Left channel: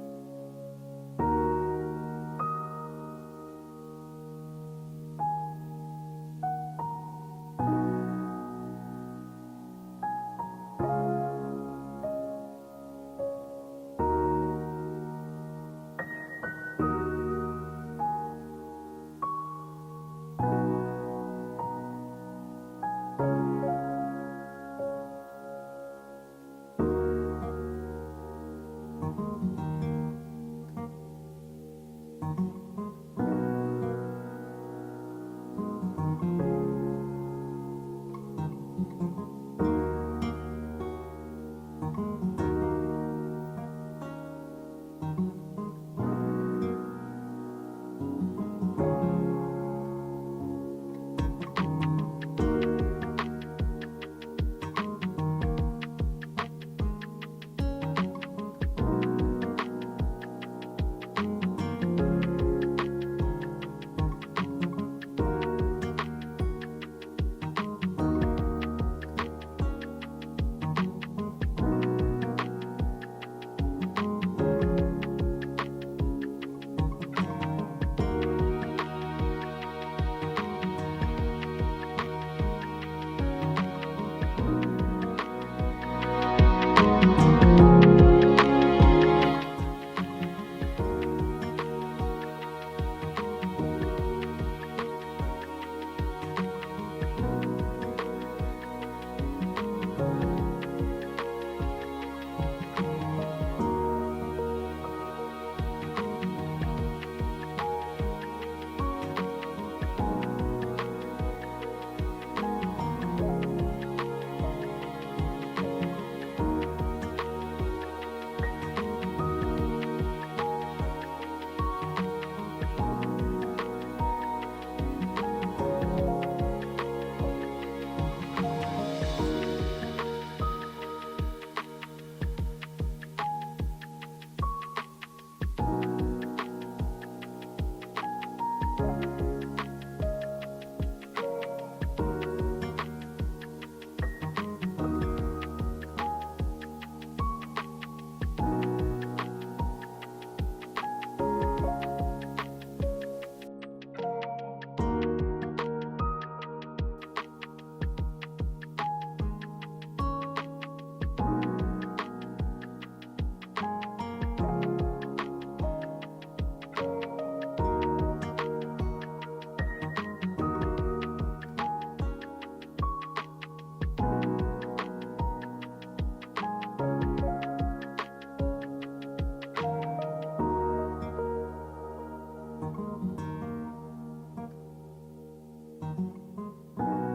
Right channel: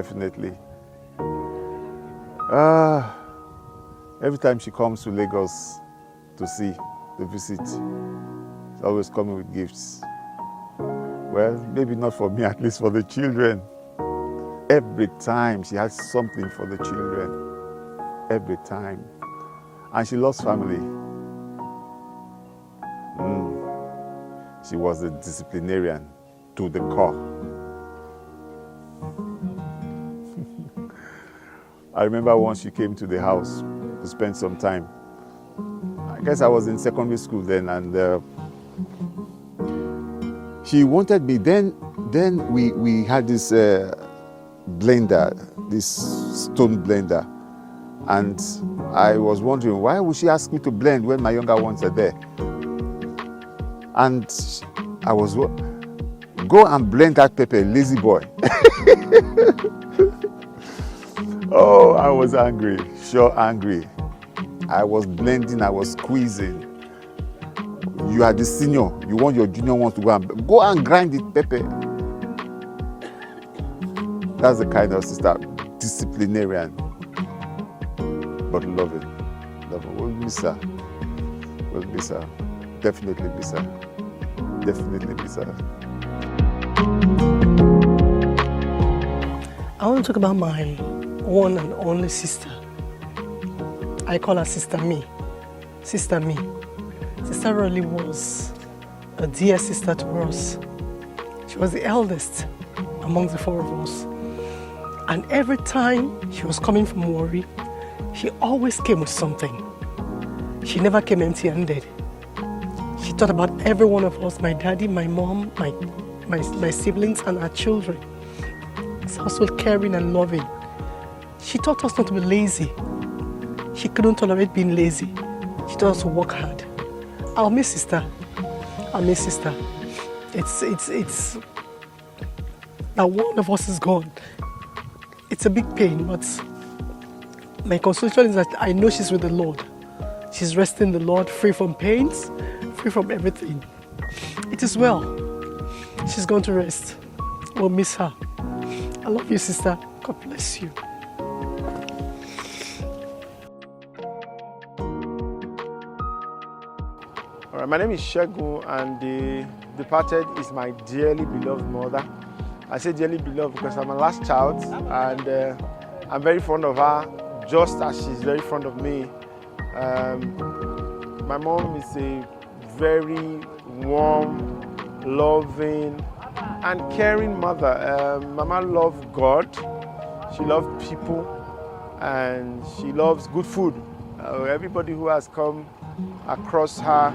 definitely. Every time she comes to Lagos to visit, she's always coming with gifts. Well, maybe not for me, at least for the children. Every time she has something for the children. Every time. And she loves family. She was a disciplinarian to the core. I remember once she came to the house to spend some time. I guess I was in secondary school then, and she wanted me. Then we had this blender, this stone blender, and I was wondering, why would she ask me to blend when my younger ones are there? And I was, go and blend that pepper, lazy boy. Oh, I was angry, sure angry. I was blending, I was squeezing. You are the senior, you want your junior ones to go and grind the pepper. That's the kind of sister, disciplinarian, but loving. We'll miss her. We'll miss her. Definitely miss her. Definitely miss her. I want to talk about my one and only sister. I call her Sister Me. Sister Me. Sister Roli was a dear sister to us. She was the eldest among the four of us. And every time she was coming from Warri, she always came with something. She never came empty-handed. She thought about every one of us, my daddy, my mom, my siblings, and our children. She was so caring and loving. She taught us not to be lazy. She couldn't tolerate being lazy. She taught us to work hard. I'll miss sister. I'll miss sister. It's that one of us is gone. It's a big pain, but my consolation is that I know she's with the Lord. She's resting in the Lord, free from pains, free from everything. It is well. She's going to rest. We'll miss her. I love you, sister. God bless you. All right, my name is Shegun, and the departed is my dearly beloved mother. I say dearly beloved because I'm her last child, and I'm very fond of her, just as she's very fond of me. My mom is a very warm, loving, and caring mother. Mama loved God, she loved people, and she loves good food. Everybody who has come across her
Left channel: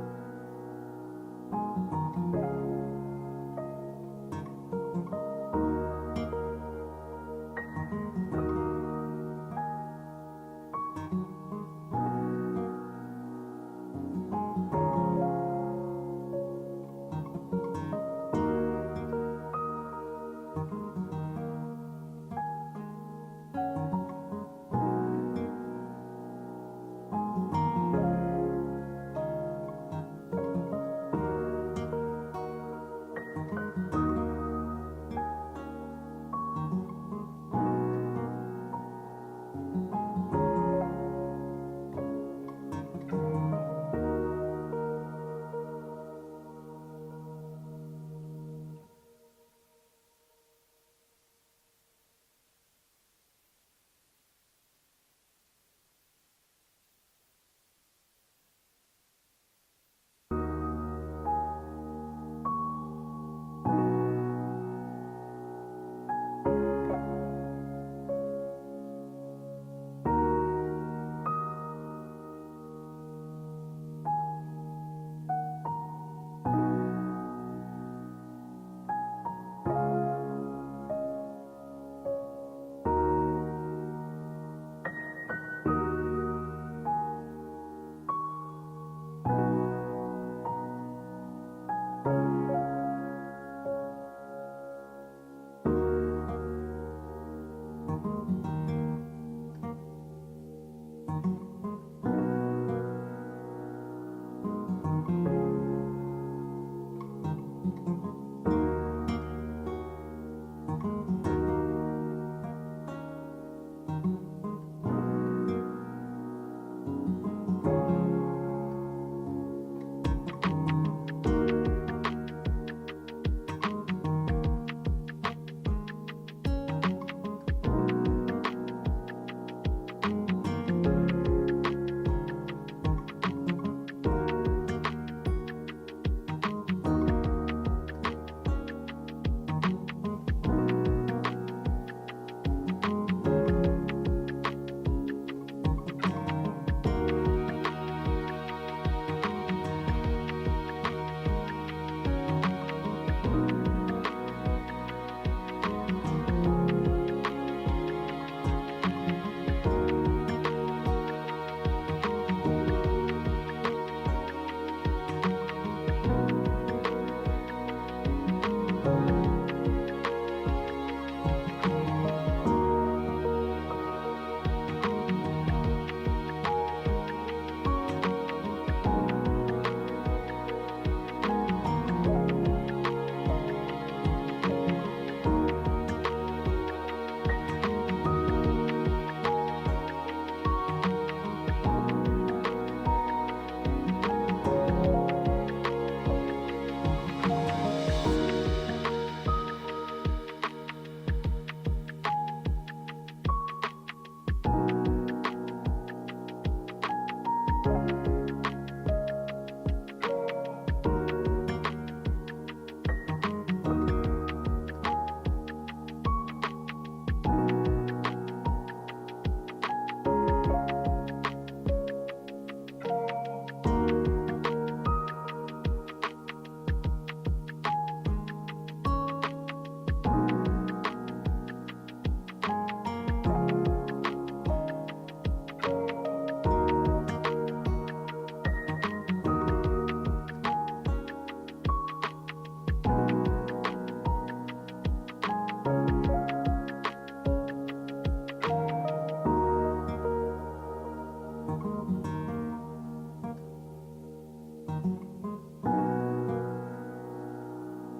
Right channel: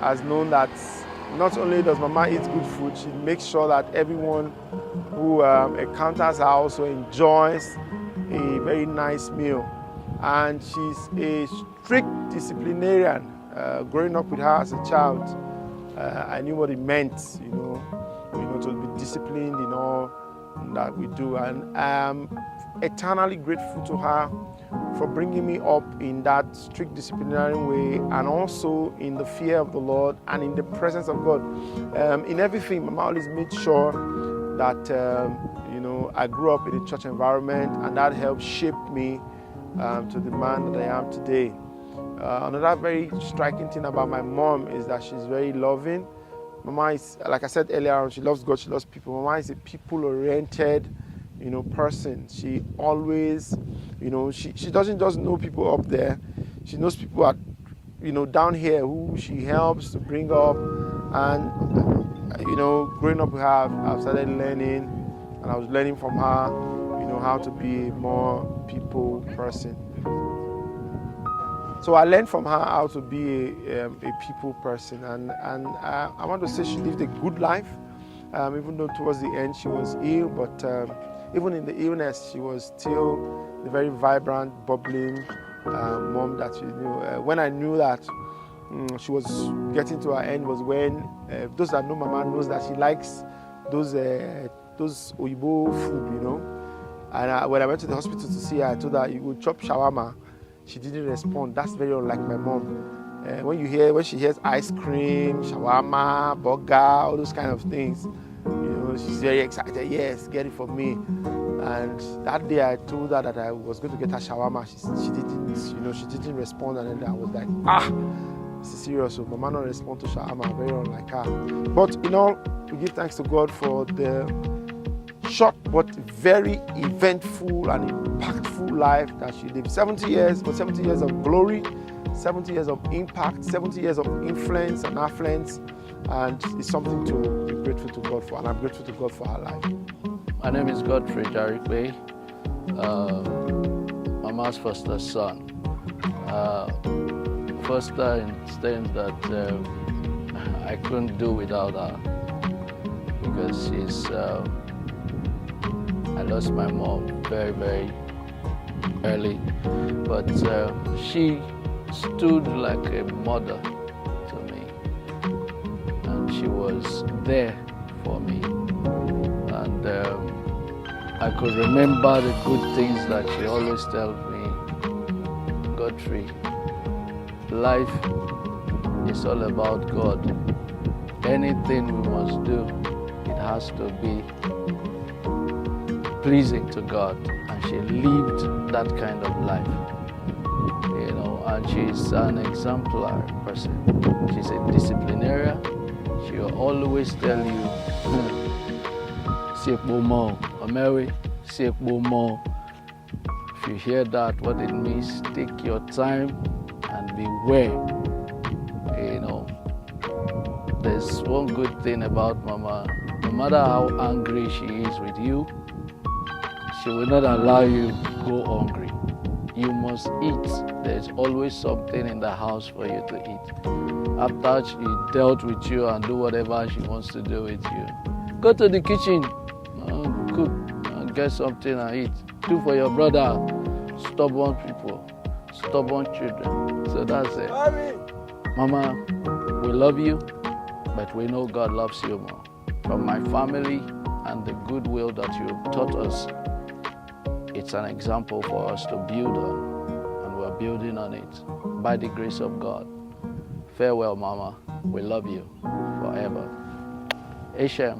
has known that not only does Mama eat good food, she makes sure that everyone who encounters her also enjoys a very nice meal. And she's a strict disciplinarian. Growing up with her as a child, I knew what it meant, to be disciplined in all that we do. And I'm eternally grateful to her for bringing me up in that strict disciplinary way, and also in the fear of the Lord and in the presence of God. In everything, Mama always made sure that I grew up in a church environment, and that helped shape me to the man that I am today. Another very striking thing about my mom is that she's very loving. Mama is, like I said earlier, she loves God, she loves people. Mama is a people-oriented, person. She always, she doesn't just know people up there. She knows people at, down here who she helps to bring up. And, growing up with her, I've started learning, and I was learning from her, how to be a more people person. So I learned from her how to be a people person, and I want to say she lived a good life, even though towards the end she was ill, but even in the illness she was still a very vibrant, bubbling mom that when I knew that she was getting to her end was when, those that know Mama knows that she likes those Oyibo food, And when I went to the hospital to see her, I told her, you go chop shawarma. She didn't respond. That's very unlike my mom. When she hears ice cream, shawarma, burger, all those kind of things, she's very excited. Yes, get it for me. And And that day I told her that I was going to get her shawarma. She didn't, she didn't respond. And then I was like, this is serious. So Mama not respond to shawarma, very unlike her. But we give thanks to God for the short but very eventful and impactful life that she lived. 70 years, but 70 years of glory, 70 years of impact, 70 years of influence and affluence. And it's something to be grateful to God for, and I'm grateful to God for her life. My name is Godfrey Jarikwe, Mama's foster son. Foster in the sense that I couldn't do without her because I lost my mom very, very early, but she stood like a mother to me, and she was there for me, and I could remember the good things that she always told me. Godfrey, life is all about God. Anything we must do, it has to be pleasing to God. And she lived that kind of life, and she's an exemplary person. She's a disciplinarian. She will always tell you, Sekbomo, Omeri, Sekbomo. If you hear that, what it means, take your time and beware. There's one good thing about Mama. No matter how angry she is with you, she will not allow you to go hungry. You must eat. There's always something in the house for you to eat. After she dealt with you and do whatever she wants to do with you, go to the kitchen, cook, and get something and eat. Do for your brother, stubborn people, stubborn children. So that's it. Mama, we love you, but we know God loves you more. From my family and the goodwill that you have taught us, it's an example for us to build on, and we're building on it by the grace of God. Farewell, Mama. We love you forever. Hashem.